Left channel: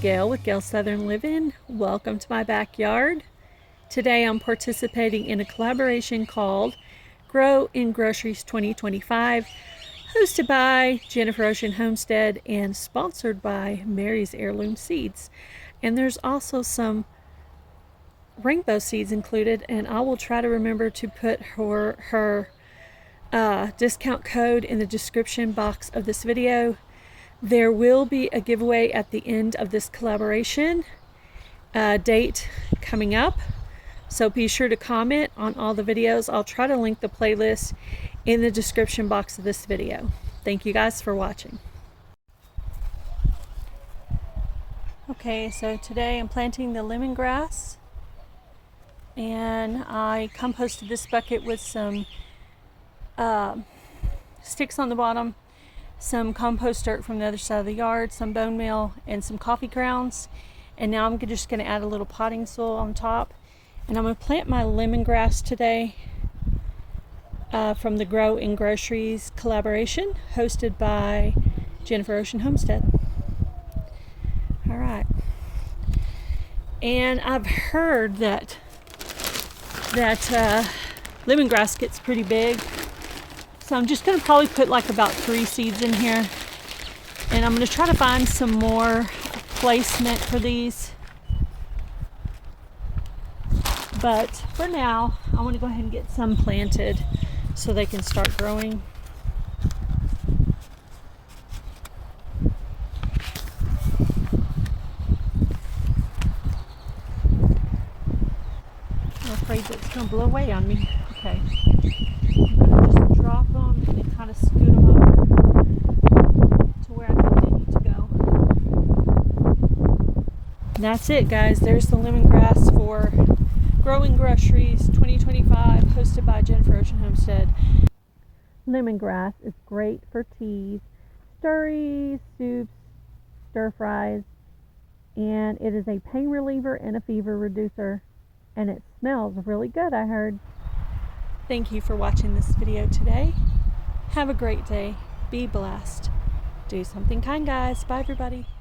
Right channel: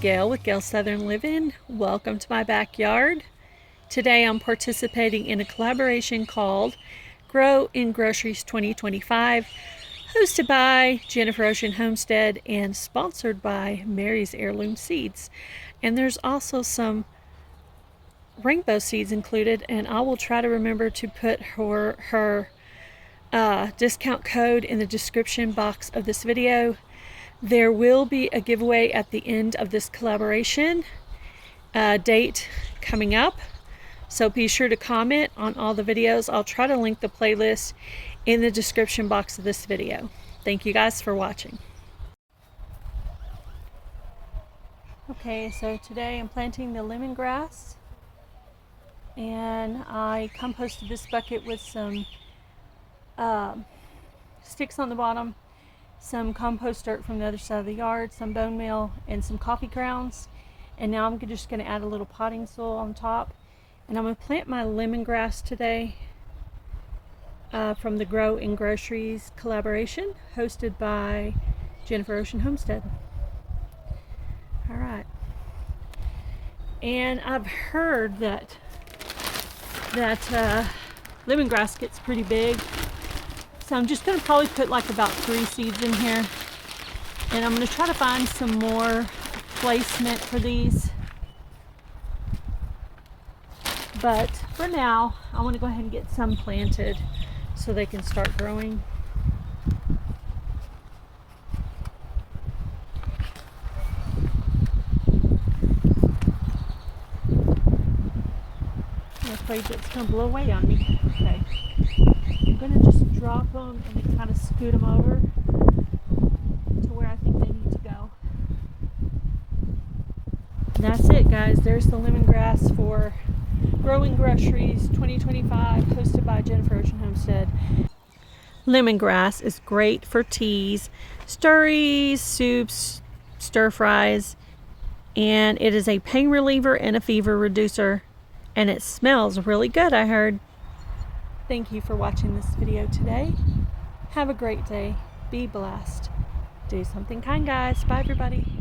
Gail with Gail Southern Living. Welcome to my backyard. Today I'm participating in a collaboration called Grow in Groceries 2025, hosted by Jennifer Ocean Homestead and sponsored by Mary's Heirloom Seeds. And there's also some rainbow seeds included, and I will try to remember to put her discount code in the description box of this video. There will be a giveaway at the end of this collaboration date coming up, so be sure to comment on all the videos. I'll try to link the playlist in the description box of this video. Thank you guys for watching. Okay, so today I'm planting the lemongrass, and I composted this bucket with some sticks on the bottom, some compost dirt from the other side of the yard, some bone meal, and some coffee grounds. And now I'm just going to add a little potting soil on top, and I'm going to plant my lemongrass today from the Grow in Groceries collaboration hosted by Jennifer Ocean Homestead. All right, and I've heard that lemongrass gets pretty big. So I'm just going to probably put like about 3 seeds in here, and I'm going to try to find some more placement for these. But for now, I want to go ahead and get some planted so they can start growing. I'm afraid that it's going to blow away on me. Okay. I'm going to just drop them and kind of scoot them over to where I think they need to go. And that's it, guys. There's the lemongrass for Grow in Groceries 2025, hosted by Jennifer Ocean Homestead. Lemongrass is great for teas, stirries, soups, stir fries, and it is a pain reliever and a fever reducer, and it smells really good, I heard. Thank you for watching this video today. Have a great day. Be blessed. Do something kind, guys. Bye, everybody.